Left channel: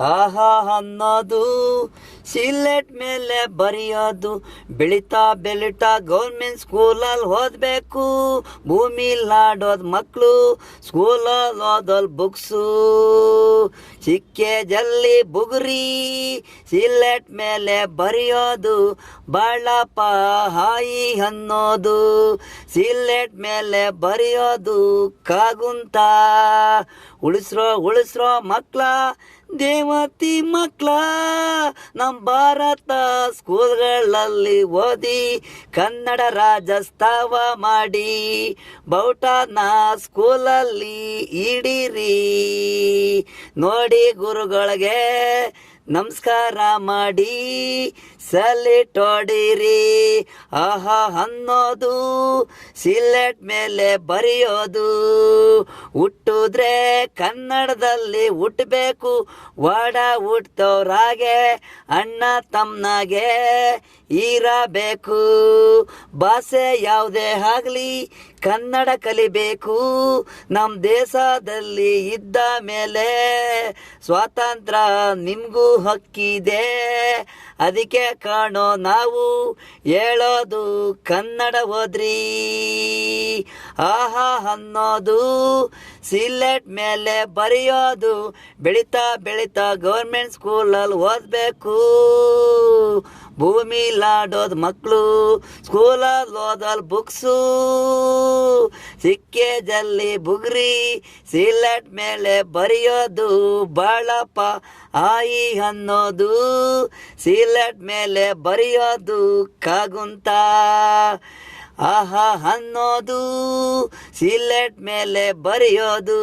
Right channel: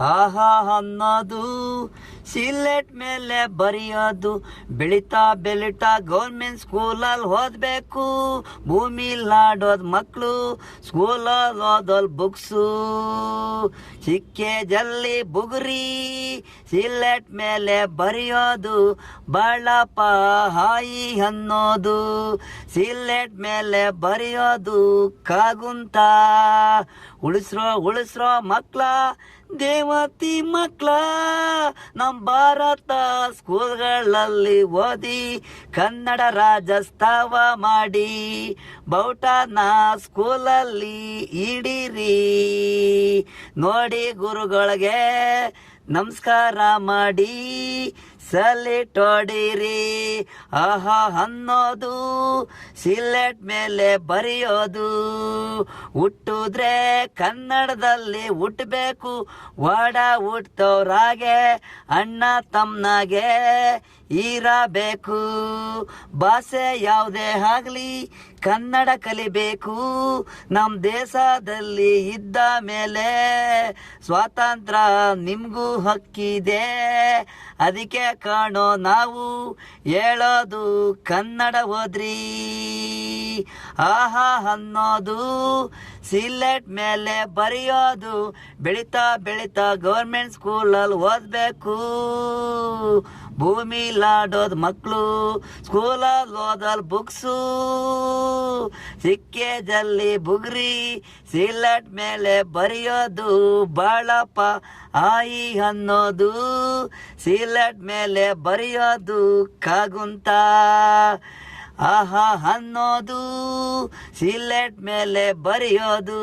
ಆಹಾ ಅನ್ನೋದು ಸಿಲೆಟ್ ಮೇಲೆ ಬರೆಯೋದು, ಬೆಳಿತಾ ಬೆಳಿತಾ ಗೌರ್ಮೆಂಟ್ ಸ್ಕೂಲಲ್ಲಿ ಓದಬೇಕು. ಭೂಮಿಲಾಡೋದು ಮಕ್ಕಳು, ಸ್ಕೂಲಲ್ಲಿ ಓದೋಲ್ ಬುಕ್ಸು. ಸಿಕ್ಕೆ ಜಲ್ಲಿ ಬುಗುರಿ, ಸಿಲೆಟ್ ಮೇಲೆ ಬರೆಯೋದು, ಬಾಳಪ್ಪ ಹಾಯಿ ಅನ್ನೋದು. ಸಿಲೆಟ್ ಮೇಲೆ ಬರೆಯೋದು ಕಾಗುಂತ. ಉಳಿಸ್ರೋ ಮಕ್ಳ, ದೇವತಿ ಮಕ್ಳ, ನಮ್ಮ ಭಾರತ ಸ್ಕೂಲ್ಗಳಲ್ಲಿ ಓದಿ ಕನ್ನಡ ರಾಜ್ಯೋತ್ಸವ ಮಾಡಿ ಬೌಟನ ಸ್ಕೂಲಲ್ಲಿ ಇಡೀರಿ. ನೋಡಿ ಗುರುಗಳಿಗೆ ನಮಸ್ಕಾರ ಮಾಡಿ ಸಲ್ಯೂಟ್ ಹೊಡೀರಿ. ಆಹಾ ಅನ್ನೋದು ಸಿಲೆಟ್ ಮೇಲೆ ಬರೆಯೋದು, ಹುಟ್ಟಿದ್ರೆ ಕನ್ನಡದಲ್ಲಿ ಹುಟ್ಟಬೇಕು. ವಾಡ ಹುಟ್ಟೋರಾಗೆ ಅಣ್ಣ ತಮ್ಮನಾಗೆ ಇರಬೇಕು. ಭಾಷೆ ಯಾವುದೇ ಆಗಲಿ ಕನ್ನಡ ಕಲಿಬೇಕು. ನಮ್ಮ ದೇಶದಲ್ಲಿ ಇದ್ದ ಮೇಲೆ ಸ್ವಾತಂತ್ರ್ಯ ನಿಮಗೂ ಹಕ್ಕಿದೆ. ಅದಕ್ಕೆ ಕಾಣೋ ನಾವು ಹೇಳೋದು ಕನ್ನಡ ಓದ್ರಿ. ಆಹಾ ಅನ್ನೋದು ಸಿಲೆಟ್ ಮೇಲೆ ಬರೆಯೋದು, ಬೆಳಿತಾ ಬೆಳಿತಾ ಗೌರ್ಮೆಂಟ್ ಸ್ಕೂಲಲ್ಲಿ ಓದಬೇಕು. ಭೂಮಿಲಾಡೋದು ಮಕ್ಕಳು, ಸ್ಕೂಲಲ್ಲಿ ಓದೋಲ್ ಬುಕ್ಸು. ಸಿಕ್ಕೆ ಜಲ್ಲಿ ಬುಗುರಿ, ಸಿಲೆಟ್ ಮೇಲೆ ಬರೆಯೋದು, ಬಾಳಪ್ಪ ಆಯಿ ಅನ್ನೋದು. ಸಿಲೆಟ್ ಮೇಲೆ ಬರೆಯೋದು ಕಾಗುಂತ. ಆಹಾ ಅನ್ನೋದು ಸಿಲೆಟ್ ಮೇಲೆ ಬರೆಯೋದು.